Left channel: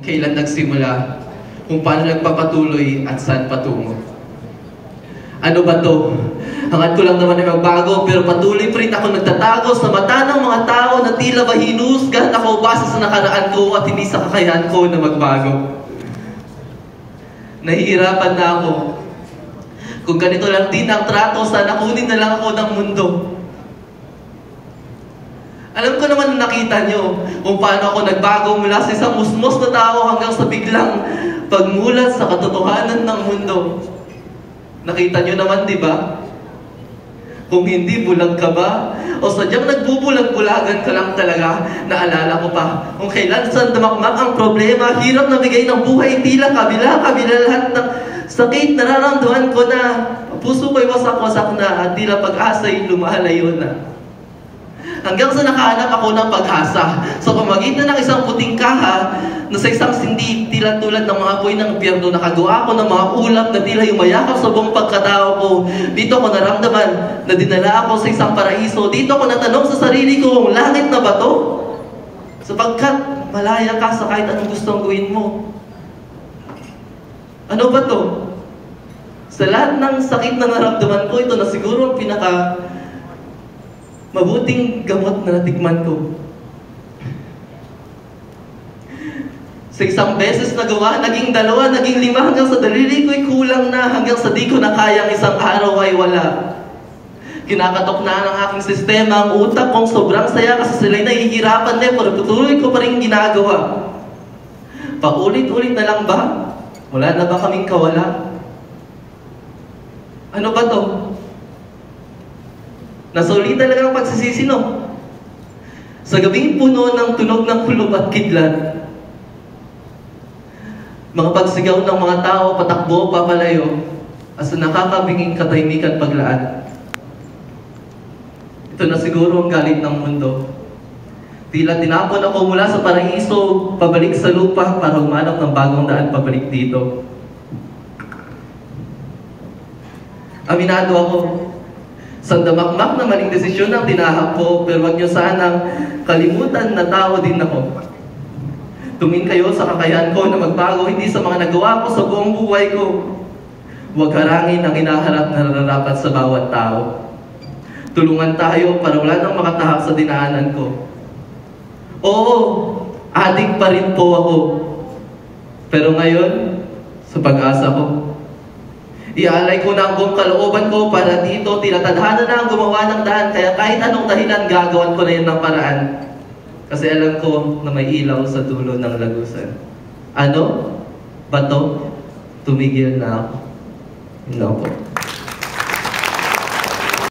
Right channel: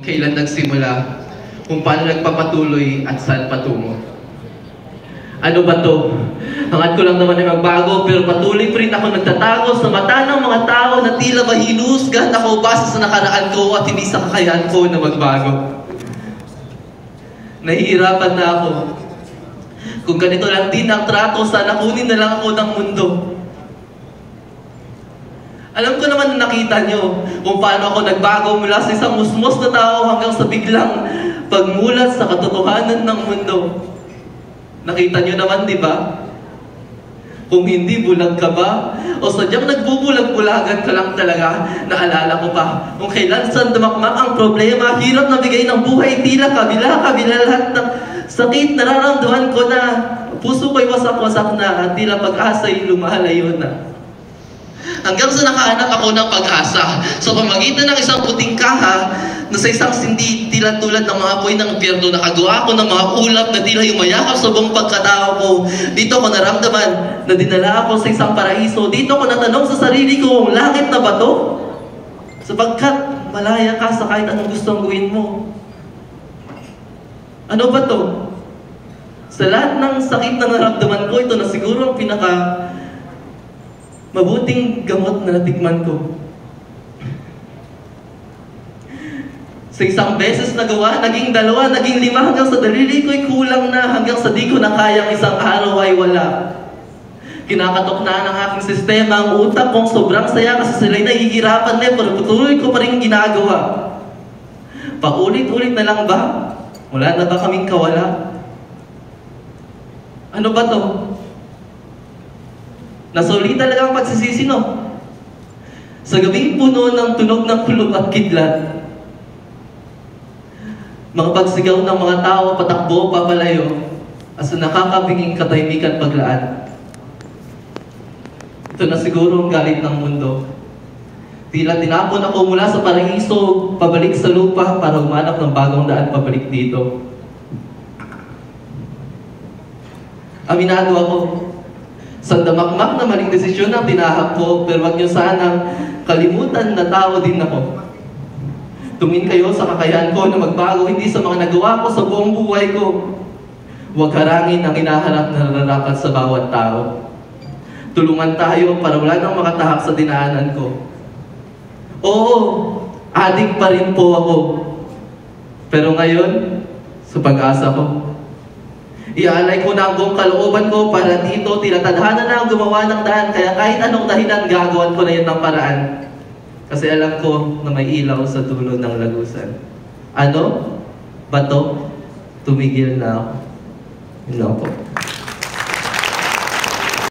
Kailan nagsimula, kung paano nagpapatuloy at saan patungo. Ano ba to? Hangad ko lang naman ay magbago, pero patuloy pa rin ako nagtatago sa mata ng mga tao na tila ba hinusgahan ako base sa nakaraan ko at hindi sa kakayahan ko na magbago. Nahihirapan na ako. Kung ganito lang din ang trato, sana kunin na lang ako ng mundo. Alam ko naman nakita nyo kung paano ako nagbago mula sa isang musmos na tao hanggang sa biglang pagmulat sa katotohanan ng mundo. Nakita nyo naman, di ba? Kung hindi, bulag ka ba? O sadyang nagbubulag-bulagan ka lang talaga? Naalala ko pa, kung kailan saan damakmak ang problema, hirap na bigay ng buhay, tila kabila lahat ng sakit nararamdaman ko na. Puso ko'y wasak-wasak na at tila pag-asa'y lumalayo na. Hanggang sa nakahanap ako ng pag-asa sa pamagitan ng isang puting kaha na sa isang sindi tila tulad ng mga apoy ng impyerno, nakagawa ko ng mga ulap na tila yumayakap sa buong pagkatao ko. Dito ko naramdaman na dinala ako sa isang paraiso. Dito ko natanong sa sarili ko, kung langit na ba to? Sapagkat malaya ka sa kahit anong gustong gawin mo. Ano ba to? Sa lahat ng sakit na naramdaman ko, ito na siguro ang mabuting gamot na natikman ko. Sa isang beses na gawa, naging dalawa, naging lima, hanggang sa daliri ko'y kulang na, hanggang sa di ko na kayang isang araw ay wala. Kinakatok na ng aking sistema ang utak kong sobrang saya kasi sila'y nahihirapan na, pero patuloy ko pa rin ginagawa. Paulit-ulit na lang ba? Wala na ba kaming kawala? Ano ba to? Nasulitan lang ang pagsisisi, no? Sa gabing puno ng tunog ng kulob at kidlat, mga pagsigaw ng mga tao, patakbo, papalayo, asa nakakabinging katahimikan paglaan. Ito na siguro ang galit ng mundo. Tila tinapon ako mula sa paraiso, pabalik sa lupa para humanap ng bagong daan pabalik dito. Aminado ako, sa damakmak na maling desisyon ang tinahak ko, pero huwag niyo sanang kalimutan na tao din ako. Tumingin kayo sa kakayahan ko na magbago, hindi sa mga nagawa ko sa buong buhay ko. Huwag harangin ang hinaharap na nararapat sa bawat tao. Tulungan tayo para wala nang makatahak sa dinaanan ko. Oo, adik pa rin po ako. Pero ngayon, sa pag-asa ko, iaalay ko na ang buong kalooban ko para dito, tila tadhana na ang gumawa ng daan, kaya kahit anong dahilan gagawan ko rin ng paraan. Kasi alam ko na may ilaw sa dulo ng lagusan. Ano? Bato? Tumigil na ako. Yun ako.